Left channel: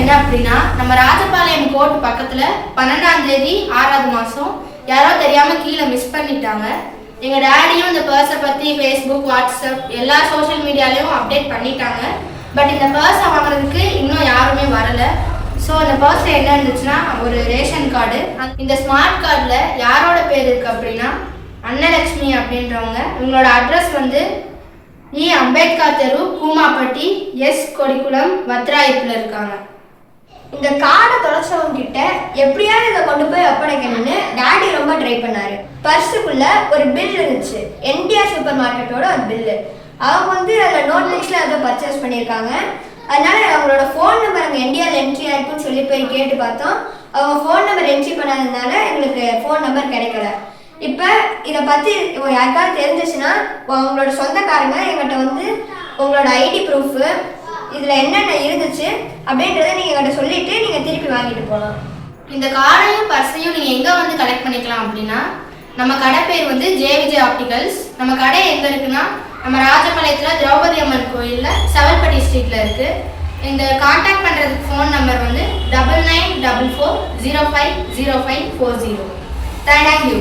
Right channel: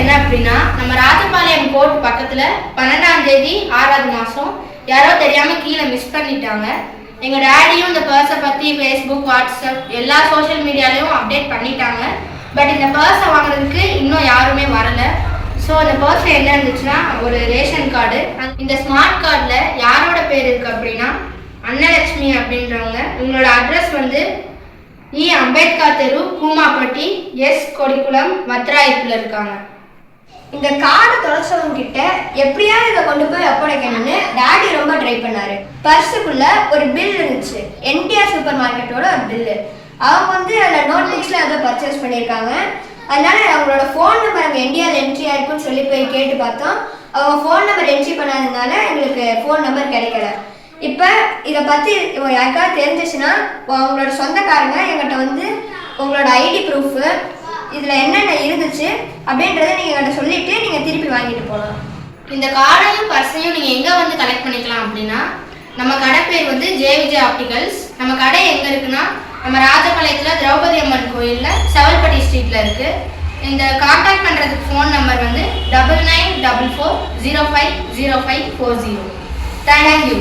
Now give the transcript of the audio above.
என்ன அப்படின்னா, நம்ம ராஜபாளையம் கோர்ட் பக்கத்தில் 12ஆம் தேதி 6வது மாதம் யாரோ தெரியாமல் கீழே மிஸ் பண்ணிட்டாங்க. எங்கள் டேடியும் இந்த பர்ஸை பற்றி ஃபேஸ்புக், வாட்ஸ்அப் எல்லா சோஷியல் மீடியாலையும் அப்டேட் பண்ணிட்டாங்க. பட் இந்த பர்ஸை வாங்குறதுக்கு இன்னும் யாருமே வரலை. ஸோ அந்த பர்ஸில் என்ன இருந்துச்சுன்னா ஒரு ரேஷன் கார்டு. இந்த ஸ்மார்ட் கார்டில் யாரோட பேர் இருக்குது அப்படின்னா அன்னலட்சுமி அப்படின்றவங்க. இவங்களோட அட்ரஸ் வந்து இ. அம்பேத்கர் தெரு, கூமாப்பட்டி, எஸ். கொடிக்குளம், வத்ராயத்தில் இருக்காங்க. இந்த கார்டை தொலைச்சவங்க கிட்ட எப்படியாவது இதை கொண்டு போய் ஒப்படைக்கணும்னு டாடி ரொம்ப ட்ரை பண்ணாரு. பர்ஸுக்குள்ள ஒரு பில் இருந்துச்சு, என்டிஆர் சூப்பர் மார்க்கெட்டோட ஒரு பில்லு. அவங்க வந்து அதில் நோட் புக்ஸில் அதை பர்ச்சேஸ் பண்ணியிருக்காங்க. அதனால அவங்களோட ஃபோன் நம்பர் அங்கே என்டிஆர் என்ட்ரி ஆயிருக்குன்னு சொல்லி போய் கேட்டு பார்த்தோம். அவங்க ஃபோன் நம்பர் என்ட்ரி பண்ணாததுனால எங்களுக்கு ஃபோன் நம்பர் கிடைக்கல. இப்போ இதை பற்றி யாருக்காவது தெரிஞ்சிச்சுன்னா உங்களோட சொந்தக்காரங்க எங்கிட்ட வந்து உங்களோட ஐடி ப்ரூஃபு இதில் என்னென்ன இருந்துச்சு அப்படின்றத நீங்கள் எங்கிட்ட சொல்லிவிட்டு நீங்கள் திருப்பி வாங்கிட்டு போகலாம். இந்த கார்டையும் பர்ஸையும் நீங்கள் எங்கே வந்து கலெக்ட் பண்ணிக்கலாம் அப்படின்னா, நம்ம கடை பேர் வந்து ஜே.விஜய் ஆப்டிகல்ஸ். நம்ம கடை எங்கே இருக்குன்னா நம்ம ராஜபாளையத்தில் திரௌபதி அம்மன் கோயிலில் செவல்பட்டி ஸ்ட்ரீட்டில் இருக்குது. இந்த கான்டாக்ட் பண்ணுறதுக்கு ஃபோன் நம்பர் வந்து 9944050540. தேங்க்யூ.